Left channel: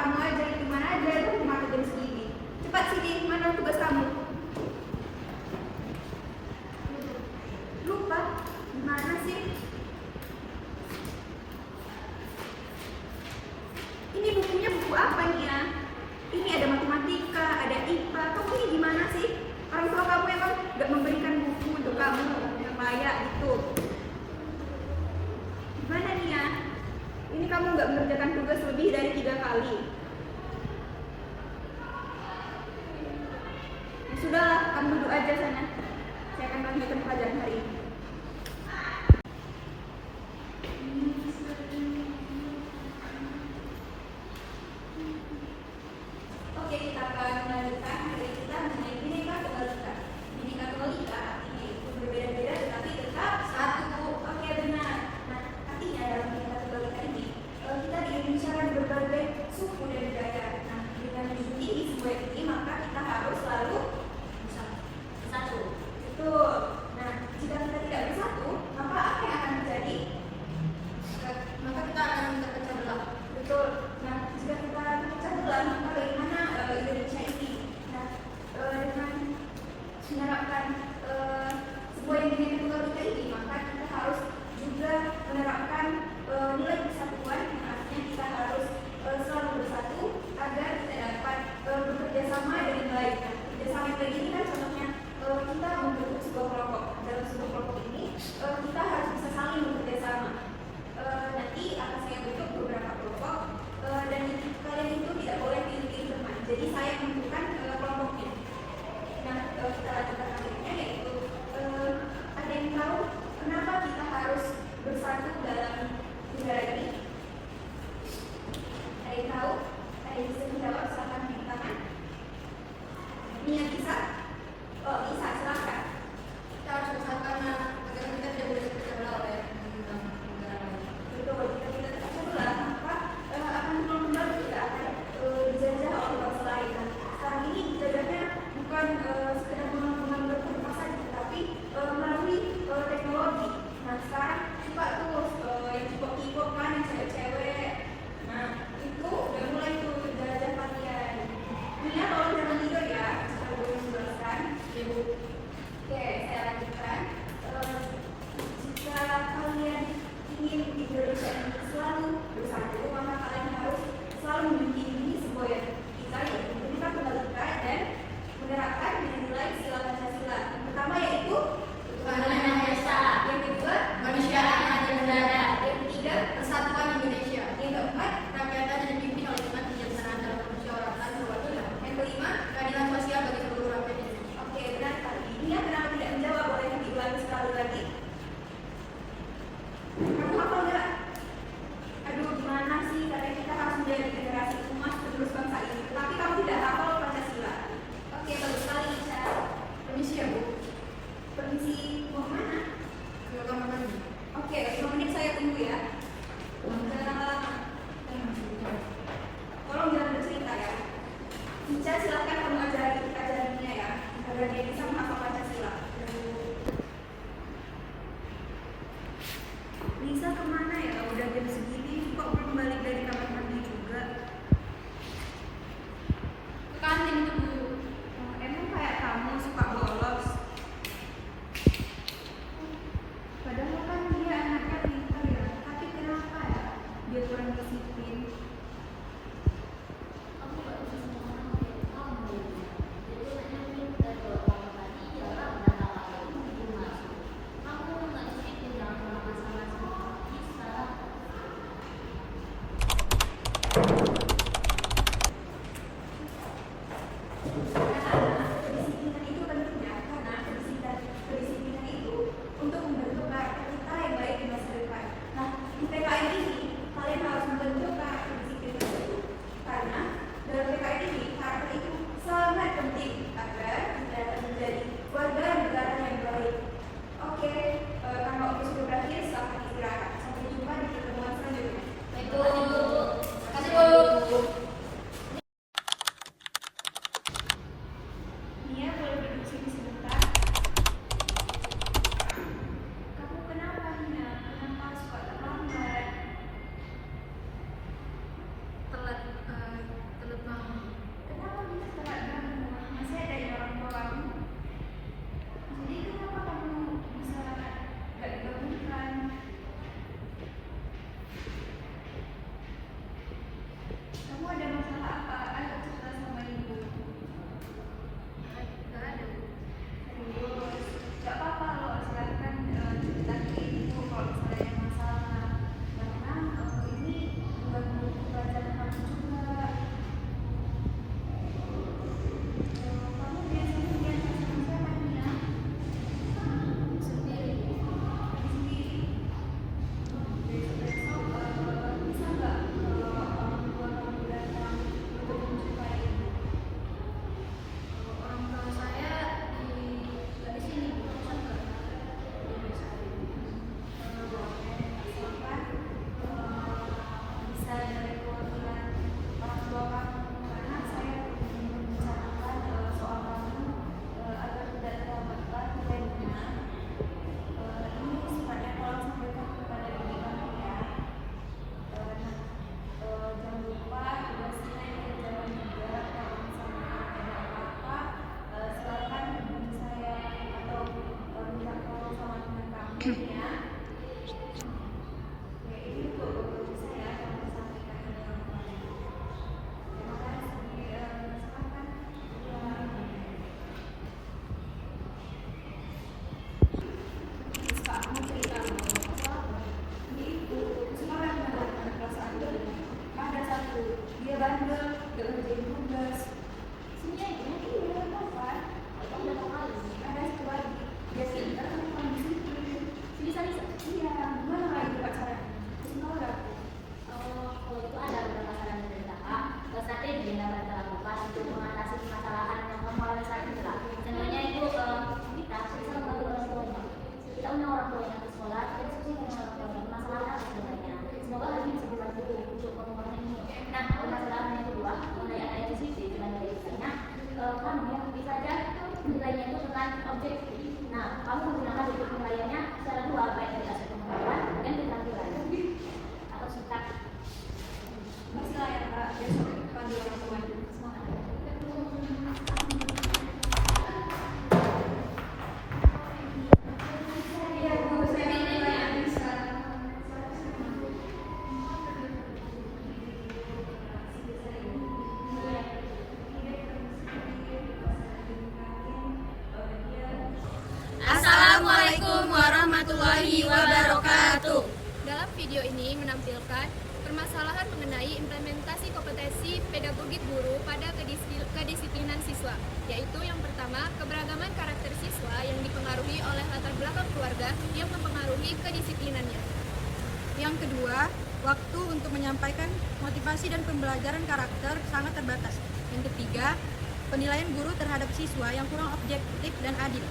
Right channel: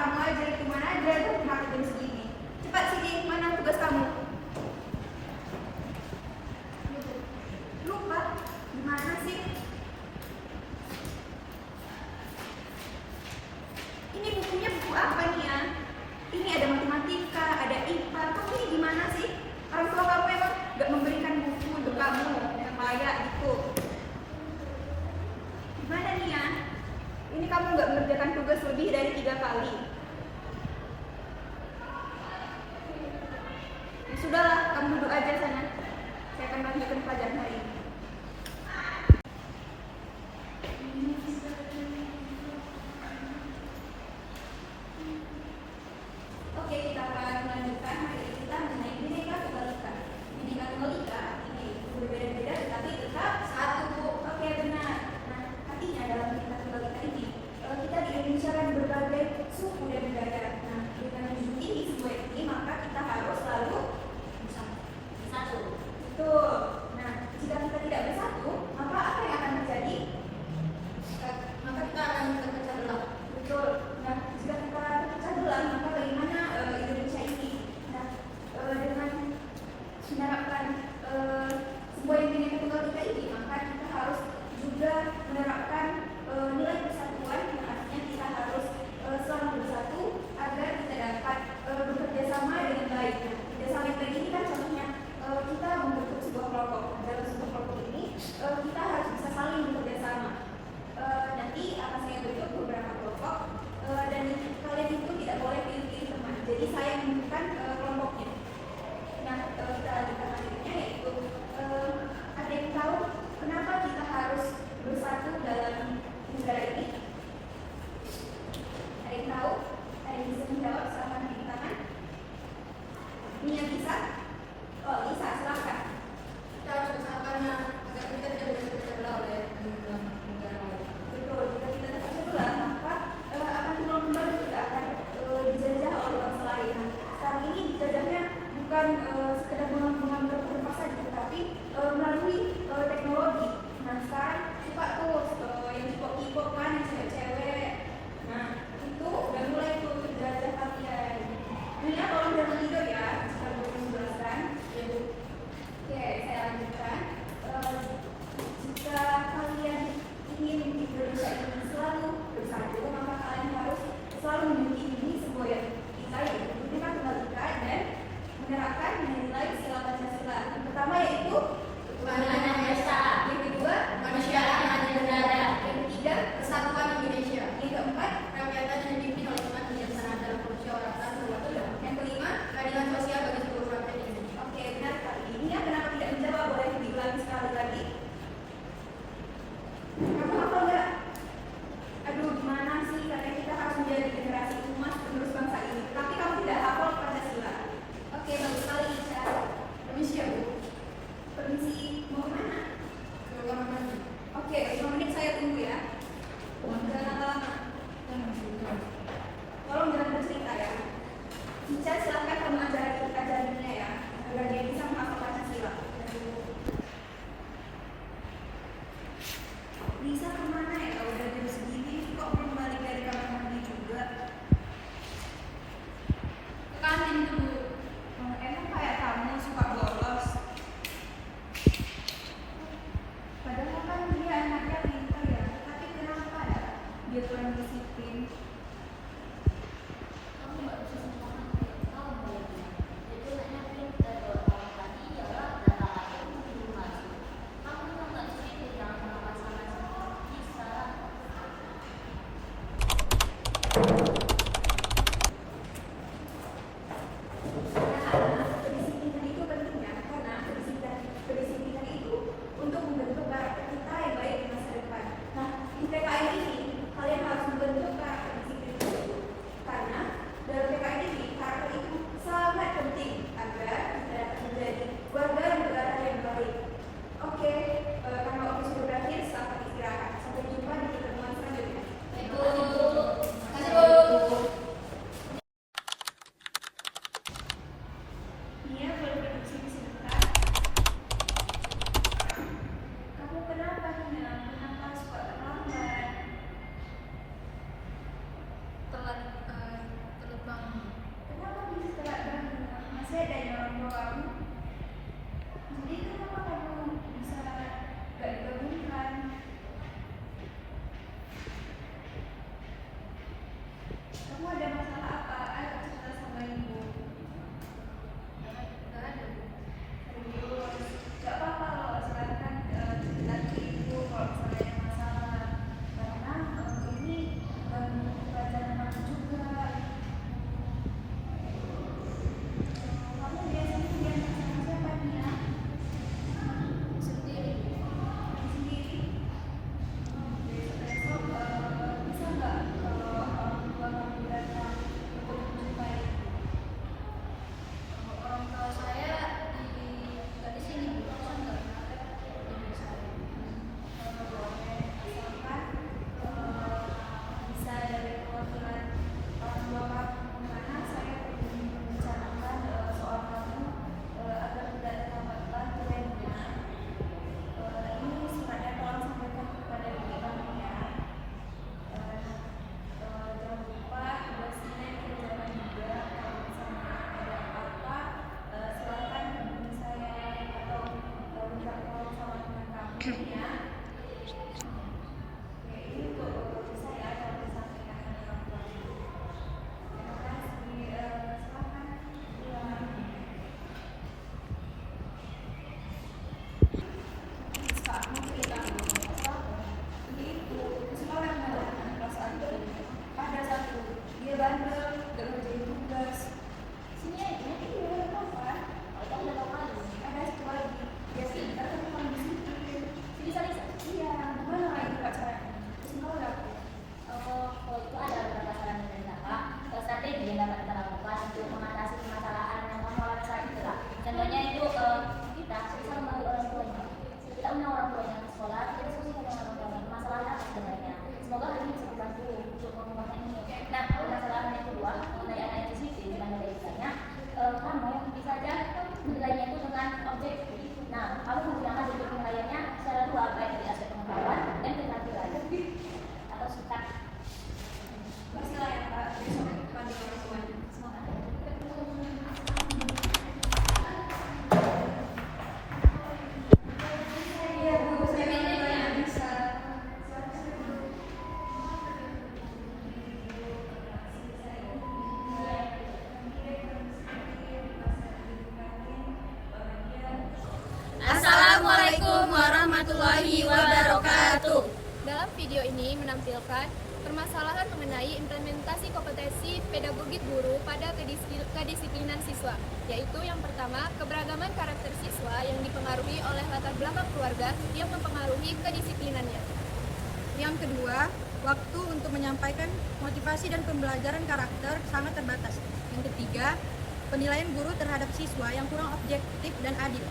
kamu aja, gimana aja dan kenapa jam segini. Cepat sini, mana tugas kamu? Lupa? Gimana sih? Ini bukunya buku apa nih ya? Ini ada matematika, ada IPA. Kamu ini gimana sih? Orang tua kamu emang gak memberikan buku untuk kamu yang layak gitu. Gimana nih ya? Ini kamu gak mengerjakan tugas lebih dari 3 kali. Ya sudahlah, kamu duduk aja sana. Saya akan lanjutkan pelajaran hari ini. Oke, kita akan melanjutkan materi kita mengenai bineka tunggal ika. Bineka tunggal ika ini berbeda-beda tetapi tetap satu. Oke, benar. Nah, artinya dalam bineka tunggal ika ini kita di Indonesia kan berbagai suku dan budaya. Nah, dengan menjunjung tinggi semua ini maka kita harus selalu bersatu. Betul. Nah, jika kita tidak bersatu, maka apa yang akan terjadi? Maka kita akan terpecah belah. Betul. Nah, jika kita terpecah belah, maka bagaimana Indonesia ini? Nah, dengan menerapkan sebuah yang bineka tunggal ika ini, maka kita harus juga menerapkan nilai persatuan yang artinya kita harus selalu bersatu agar kita dapat bekerja sama dengan baik. Nah, bekerja sama yang baik ini kan contohnya kita membentuk sebuah kelompok. Dalam sebuah kelompok ini kita harus bisa saling bekerja sama. Nanti akan saya bentuk beberapa kelompok dan kalian itu tidak boleh pilih-pilih teman. Jadi saya menentukan kelompoknya. Nah, kita lanjutkan materinya yaitu ada yang tahu kenapa kita harus bersatu dalam negara ini? Ada yang tahu? Ada yang bisa menjawab? Silahkan di tangan. Ini yang bisa? Oh, bisa, silahkan. Kita harus bersatu karena negara kita tidak boleh terpecah belah oleh negara lain. Betul, jika kita terpecah belah, maka akan kembali kita akan dijajah oleh bangsa lain. Sekarang ini dijajahnya bukan sekedar gunung-gunung berkurang saja, tetapi melalui teknologi. Nah, sekarang suka tuh yang K-pop kan, yang cewek-cewek. Nah, itu udah mulai tuh dijajah kalian. Ini ya, tolong jangan tidur ya. Saya belum menjelaskan. Oke, saya lanjutkan. Jika kalian ingin Indonesia ini selalu bersatu, maka kalian harus selalu menjunjung sebuah yang kita yaitu bineka tunggal ika dan menerapkan nilai sila Pancasila. Yang pertama yaitu ketuhanan yang esa. Yang kedua, kemanusiaan yang adil dan beradab. Yang ketiga, persatuan Indonesia. Yang keempat, rakyat yang dipimpin oleh umat yang sangat dalam kemusyawaratan perwakilan. Yang kelima, keadilan sosial bagi seluruh rakyat Indonesia. Oke, benar sekali. Ini ya, kenapa tidak menjawab? Boleh diulangi sekali lagi. Kamu hafal nggak? Aduh, gimana sih? Karena kita harus menjadi generasi emas penerus bangsa ini. Tapi kamu tidak hafal Pancasila. Oke, bagus sekali. Permisi ya, Bu. Permisi, mau kemana? Mau kamar mandi. Oke, 5 menit saya tunggu ya. Tolong jangan bercerita ya. Cica, silakan kamu ajarannya ya, agar dia bisa menghafal Pancasila. Lisa kemana ya? Udah jam segini kok belum balik dari kamar mandi juga? Ke kantin dulu. Emang kayak kamu suka bolos? Padahal kan dia anaknya pintar ya. Tapi kenapa ya dia kurang disiplin? Kamu gak bisa sama kamu. Jadi banyak cerita kalau kamu tadi jalan udah kamu belum masuk. Aku nggak disiplin dalam melakukan sama-sama bisa. Kedisiplinan itu penting ya, karena kedisiplinan itu untuk membentuk karakter kita yang baik di masa depan. Nah, di PKN ini kalian harus membentuk karakter disiplin itu, karena dalam PKN ini karakter itu sangat penting agar kita dapat menjadi warga negara yang baik. Oke, karena waktu sudah berakhir, selamat istirahat. Sampai jumpa di pertemuan selanjutnya. Baik, Bu. Terima kasih, Bu. Nia, boleh duduk sini sebentar. Kamu kenapa, Nia? Kenapa suka terlambat? Telat kamu. Jadi kenapa kamu bisa gak dibangunkan? Kamu ada masalah apa? Ayo cerita sama ibu. Nggak ada. Serius? Gak apa-apa loh, silakan cerita ke ibu kalau misalnya ada masalah. Karena ini mengganggu pembelajaran kamu juga. Kamu biasanya diantar sama siapa nih ya? Sendiri. Sendiri. Besok bisa nggak kalau orang tua kamu datang untuk menjumpai ibu? Orang tua saya di sini, bisa nggak? Ya bisa. Kalau boleh, asalkan bisa dari perwakilan orang tua kamu, karena saya ingin membicarakan soal kamu agar tidak terlambat jadinya. Ini sifatnya tolong sampaikan kepada ibu kamu ya. Jangan lupa tugasnya dikerjakan juga. Kalau misalnya ada apa-apa, silakan hubungi saya atau minta tolong sama teman kamu ya. Ya ini untuk bisa ya kalau disampaikan pada kamu. Terima kasih. Silakan. Kak, aku cerita begitu. Sekarang ada anak kelas 1. Ada satu, dia bandel, gak ngerjain tugas. Sini aja, iya, tau kan? Itu aku udah tau kali. Ada satu lagi, dia pintar tapi kurang disiplin. Sini, iya, gimana kak itu kak caranya? Sekolah aku. Kalau itu ada beberapa saran dari kakak, strategi yang dapat kita lakukan untuk mengatasi permasalahan yang kamu alami saat ini kak. Contohnya itu kita bisa memanggil orang tuanya. Kita undang orang tuanya ke sekolah, kita diskusikan dengan orang tuanya permasalahan apa sebenarnya. Semoga hal ini bisa dibantu untuk menguatkan ini. Nah, permasalahan yang kedua mengenai anak ACCT dengan dari misalnya, kamu yang bisa aja menilainya itu dengan objektif. Nah, kamu menggunakan objek penilaiannya secara dua, baik dari aspek pengetahuan dan keterampilan atau sikap. Pastilah ya kak, besok panggil orang tua. Semangat. Iya bu, saya nggak bisa. Assalamualaikum warahmatullahi wabarakatuh. Dalam video ini menampilkan permasalahan mengenai implementasi kompetensi pedagogik guru pada kedisiplinan siswa, yaitu yang pertama, keberagaman karakter siswa yang dipengaruhi oleh latar belakang keluarga yang mempengaruhi kedisiplinannya. Yang kedua, waktu untuk menyampaikan motivasi dan pembelajaran karakter sangat terbatas. Yang ketiga, penilaian guru terhadap siswa yang kurang objektif dan adil.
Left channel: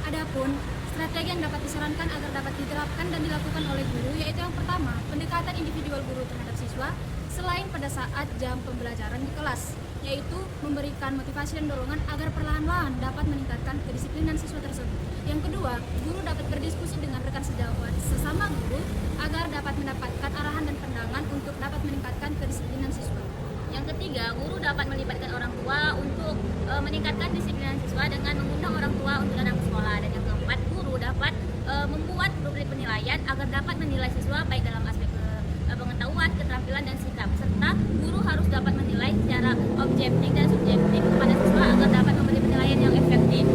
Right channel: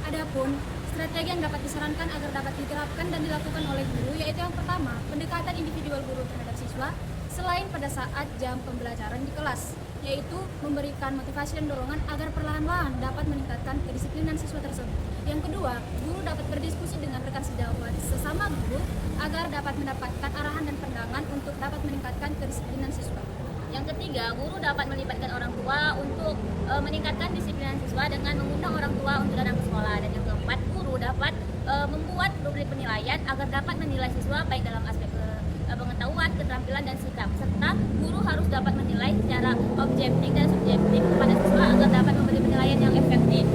Adapun strategi yang dapat disarankan agar dapat diterapkan dan dilakukan oleh guru, yaitu yang pertama, pendekatan individual guru terhadap siswa selain pada saat jam pembelajaran di kelas, yaitu memberikan motivasi dan dorongan agar perlahan-lahan dapat meningkatkan kedisiplinan siswa tersebut. Yang kedua, guru dapat berdiskusi dengan rekan sejawat sesama guru agar dapat mendapatkan arahan dan pandangan untuk dapat meningkatkan kedisiplinan siswa. Yang ketiga, guru dapat melibatkan orang tua untuk meningkatkan disiplin siswa dengan mengundang orang tua untuk datang ke sekolah. Dan yang keempat, guru dapat membuat rubrik penilaian agar dapat menilai siswa baik dalam aspek pengetahuan, keterampilan, dan sikap. Serta guru harus dapat menilai secara objektif dan subjektif kepada siswa agar dapat memberi penilaian yang efektif.